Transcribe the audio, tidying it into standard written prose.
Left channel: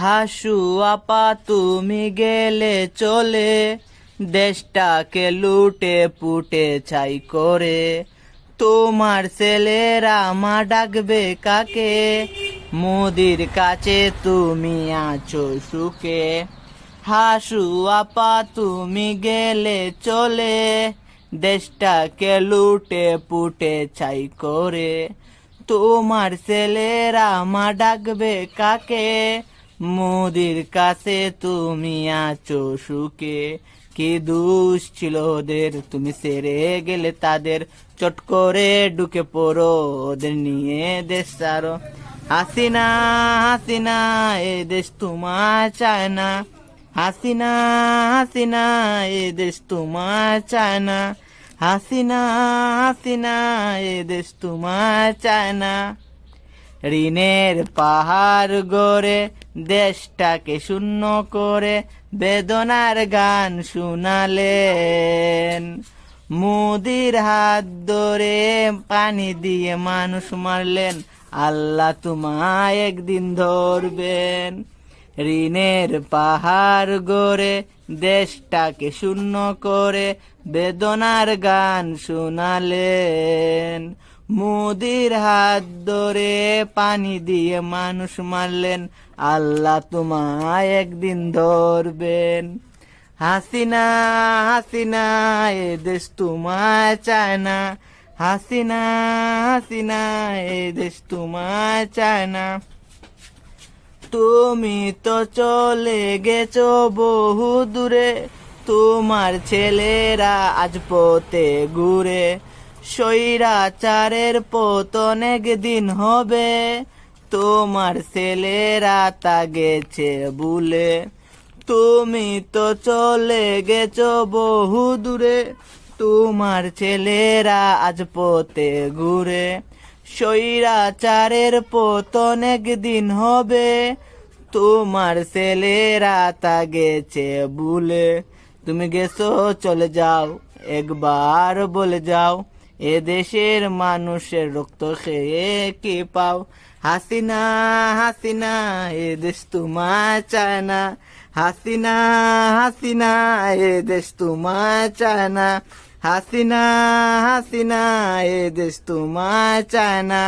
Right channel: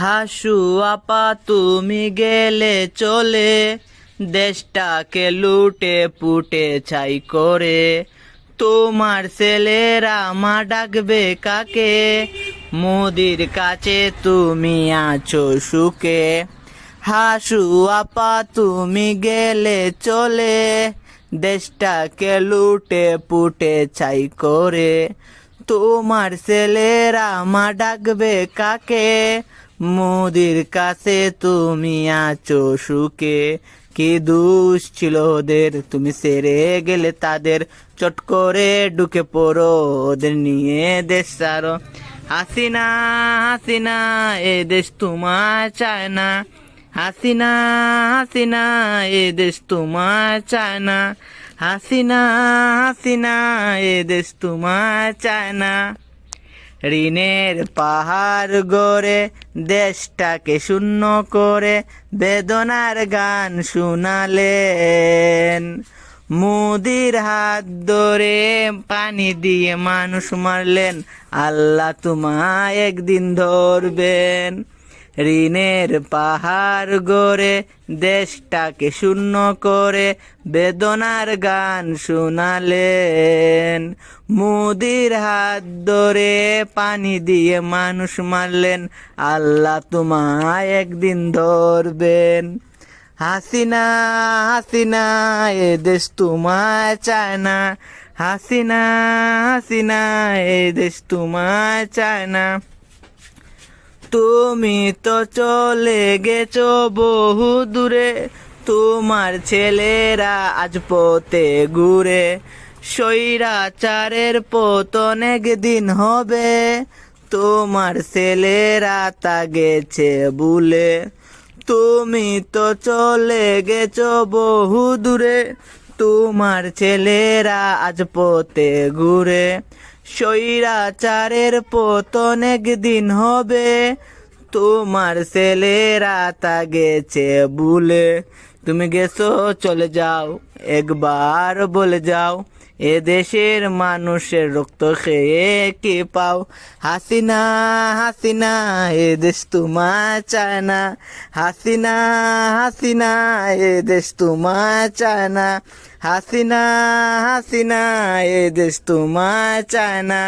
হাসু আপা তুমি গেলে চলে, দেশটাকে লুটে পুটে ছাই করে। তোমার ছেলেরা মা ডাকবে কাকে, মোদির কাছে তুমি আছো সুখে। হাসু আপা তুমি গেলে চলে, দেশটাকে লুটে পুটে ছাই করে। তোমার ছেলেরা মা ডাকবে কাকে, মোদির কাছে তুমি আছো সুখে। কি দোষ ছিল ওদের, তুমি সেরে গেলে তাদের, চট করে ঢুকে পড়ো ওদের নিয়ে দেশ সারো। হাসিনা হাসিনা এ দেশ তোমার চায় না, হাসিনা হাসিনা এ দেশ তোমার চায় না, হাসিনা হাসিনা এ দেশ তোমার চায় না। ঋণের পাহাড় গড়ে দেশটাকে শূন্য করে বেদনার গান শুনালেন। মোদির হাত ধরে পানি দিয়ে মানুষ মারলেন, আল্লাহ তোমায় একদিন ধরবেন। ঋণের পাহাড় গড়ে দেশটাকে শূন্য করে বেদনার গান শুনালেন। মোদির হাত ধরে পানি দিয়ে মানুষ মারলেন, আল্লাহ তোমায় একদিন ধরবেন। হাসিনা হাসিনা এ দেশ তোমায় চায় না, হাসিনা হাসিনা এ দেশ তোমায় চায় না। তুমি তো চলে গেছো বহু দূরে, তোমার ছেলেরা আজ পথে ঘুরে। স্বৈরাচারের পতন একদিন হবে, তোমার ছেলেরা তা গেছে ভুলে। তুমি তো চলে গেছো বহু দূরে, তোমার ছেলেরা আজ পথে ঘুরে। স্বৈরাচারের পতন একদিন হবে, তোমার ছেলেরা তা গেছে ভুলে। তুমি গেছো চলে যাও, একবার বলে যাও, এ দেশের মানুষের রক্ত খেয়ে কি পাও। হাসিনা হাসিনা এ দেশ তোমার চায় না, হাসিনা হাসিনা এ দেশ তোমার চায় না, হাসিনা হাসিনা এ দেশ তোমার চায় না।